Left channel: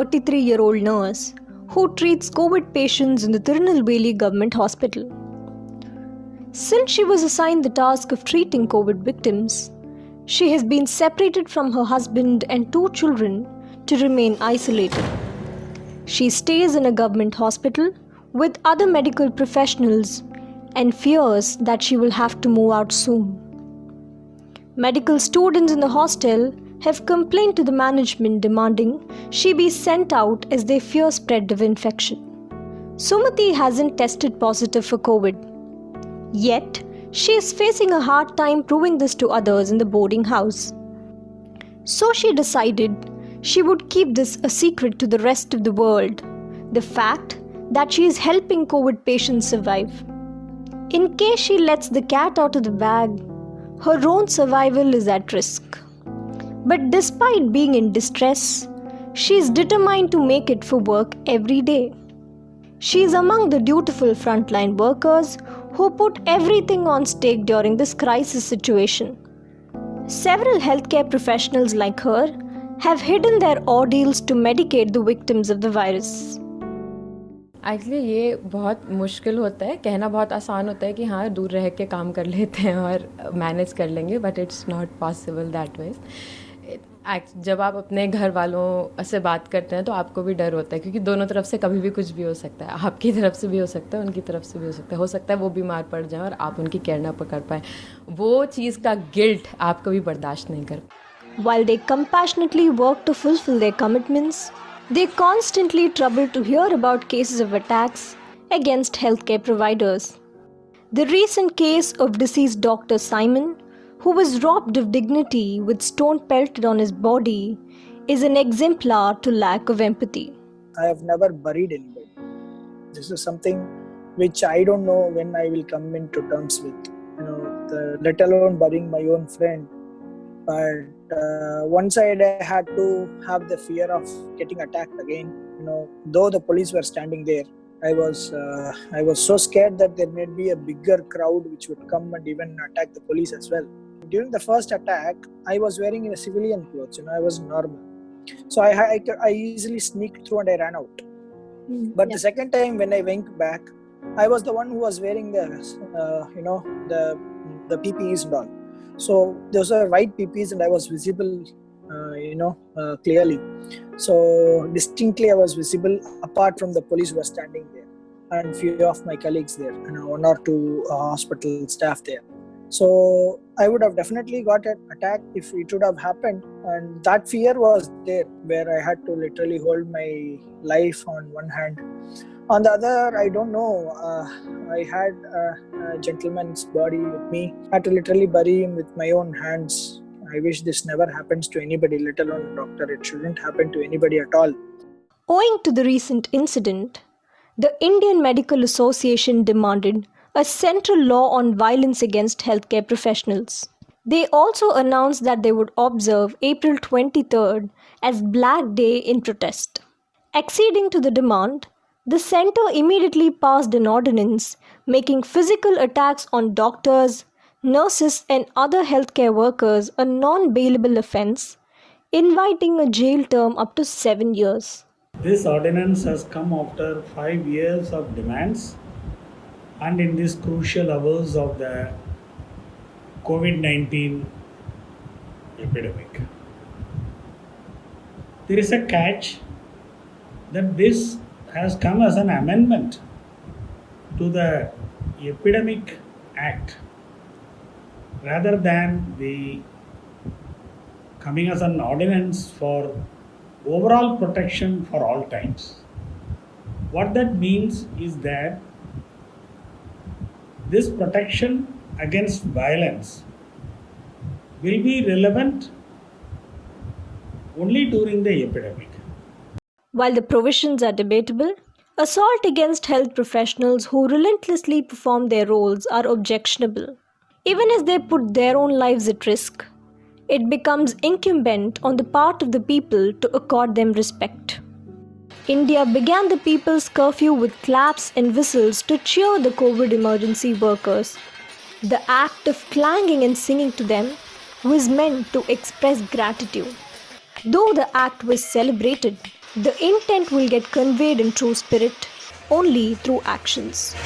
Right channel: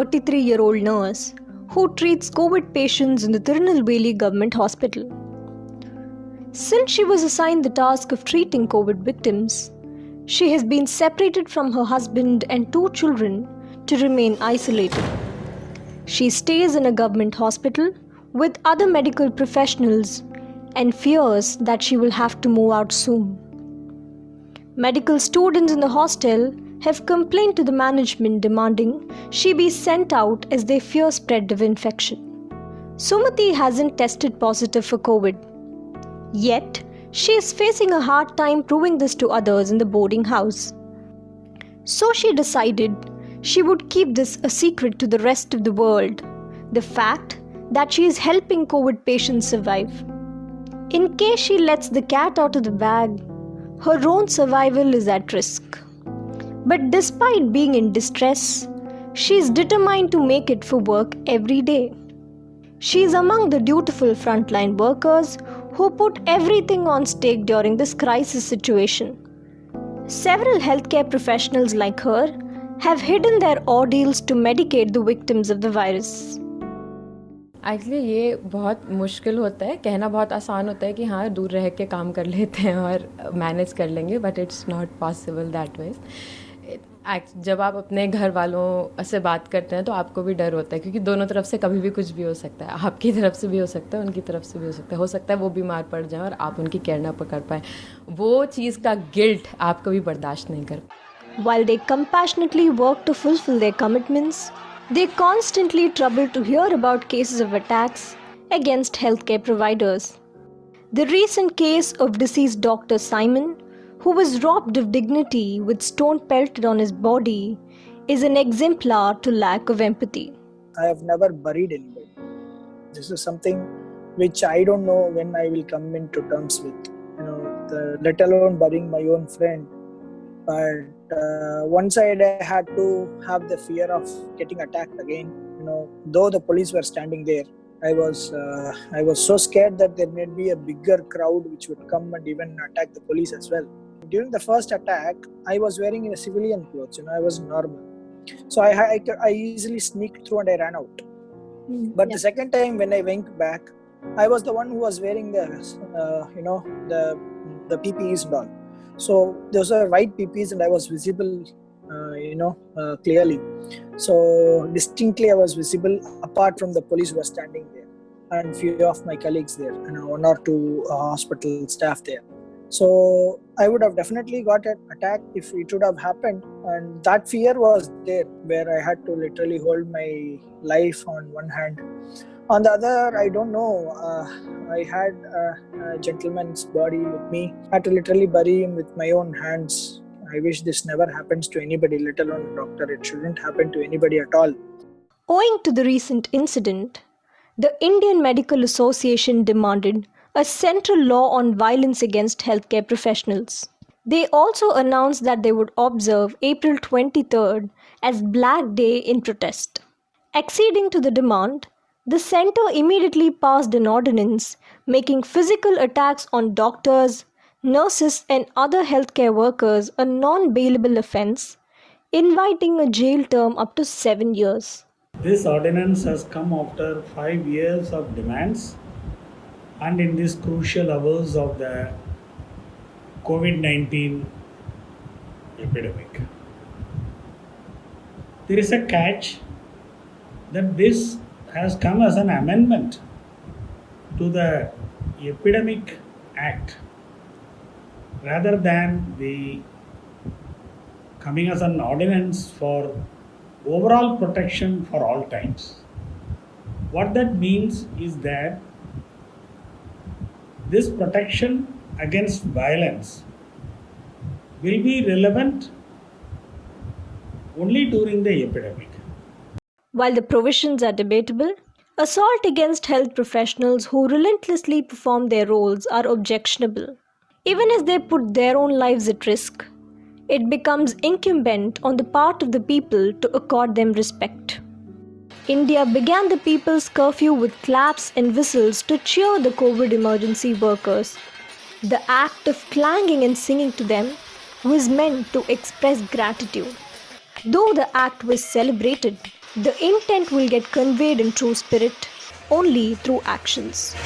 33-year-old nurse who treats COVID patients in the Tirunelveli Government Hospital. Since she was assigned the task of treating COVID victims, she has been separated from her husband and 2 children to remain isolated. She stays in a government hospital with other medical professionals and fears that she will have to move out soon. Medical students in the hostel have complained to the management demanding she be sent out as they fear spread of infection. Sumati hasn't tested positive for COVID. Yet, she is facing a hard time proving this to others in the boarding house. So she decided she would keep this a secret to the rest of the world, the fact that she is helping COVID patients survive. In case she lets the cat out of the bag, her own survival is at risk. But despite being in distress, she is determined to make it for work every day. She is among the dutiful frontline workers who put everything on stake during this crisis situation. Several healthcare professionals like her have hidden their ordeals to medicate the victims of the virus. Actually ये बहुत मुश्किल होता है, कहना बहुत आसान होता है कि हाँ दूर रह के काम कर लेते हैं और मैनेज कर लेंगे, but it's not possible that ways. जब आप अपने घर वालों से बात करते हैं तो आपको भी डर होता है, क्योंकि दोनों तरफ से कभी भी कुछ भी हो सकता है. आपकी तरफ से भी हो सकता है, उनकी तरफ से भी हो सकता है वो बीमार पड़ जाए और आप उनकी केयर ना कर पाए. वो चीज़ का गिल्ट आप कभी बर्दाश्त नहीं कर. While they compassionately work to fulfill their commitments, they constantly trouble to hear about cases of attacks against healthcare providers. The recent case of deceased Dr. Simon, who was robbed of dignity with stone pelted on his body, is an exemplar to lack of empathy. I have never buried anybody. This is something which I don't know when I will come into terms with. Let alone burying my own friend. But one side I had to have the fear of getting attacked again. Though the police were standing there, I was so scared that there may be a bigger crowd which would come and even attack the police as well. During the first attack, I was wearing a civilian clothes. I was normal, so I easily sneaked through and I ran out. But the second time when I went back, I was the one who was wearing the PPEs and all. So those are white PPEs and I was visible, clearly. So distinctly I was visible apart from the police who were standing there and few of my colleagues there, 1 or 2 hospital staff there. So I would have definitely got an attack if it would have happened, and that fear was there where I had to literally hold my life on one hand. On the other, I don't know, I had a gentleman's body with me. I had to literally bury him with my own hands. I wish this never happens to anybody, let alone a doctor. It shouldn't happen to anybody at all. Owing to the recent incident, the Indian Medical Association demanded a central law on violence against healthcare professionals. They also announced that they would observe April 23rd as Black Day in protest. Acceding to the demand, the centre immediately passed an ordinance making physical attacks on doctors, nurses and other healthcare workers a non-bailable offence, inviting a jail term up to 7 years. This ordinance has come after 5 years of demands and in these crucial hours of the COVID-19 epidemic. There is a catch that this has come as an amendment to the Epidemic Act rather than the coming as an ordinance for overall protection for all times. What that means is that this protection against violence will be relevant only during the epidemic. While the provisions are debatable, assault against health professionals who relentlessly perform their roles are objectionable. Even as they put their own lives at risk, it becomes incumbent on the part of the people to accord them respect. India began the people's curfew with claps and whistles to cheer the COVID emergency workers. The act of clanging and singing to them was meant to express gratitude. Though the act was celebrated, The intent will get conveyed in true spirit only through actions.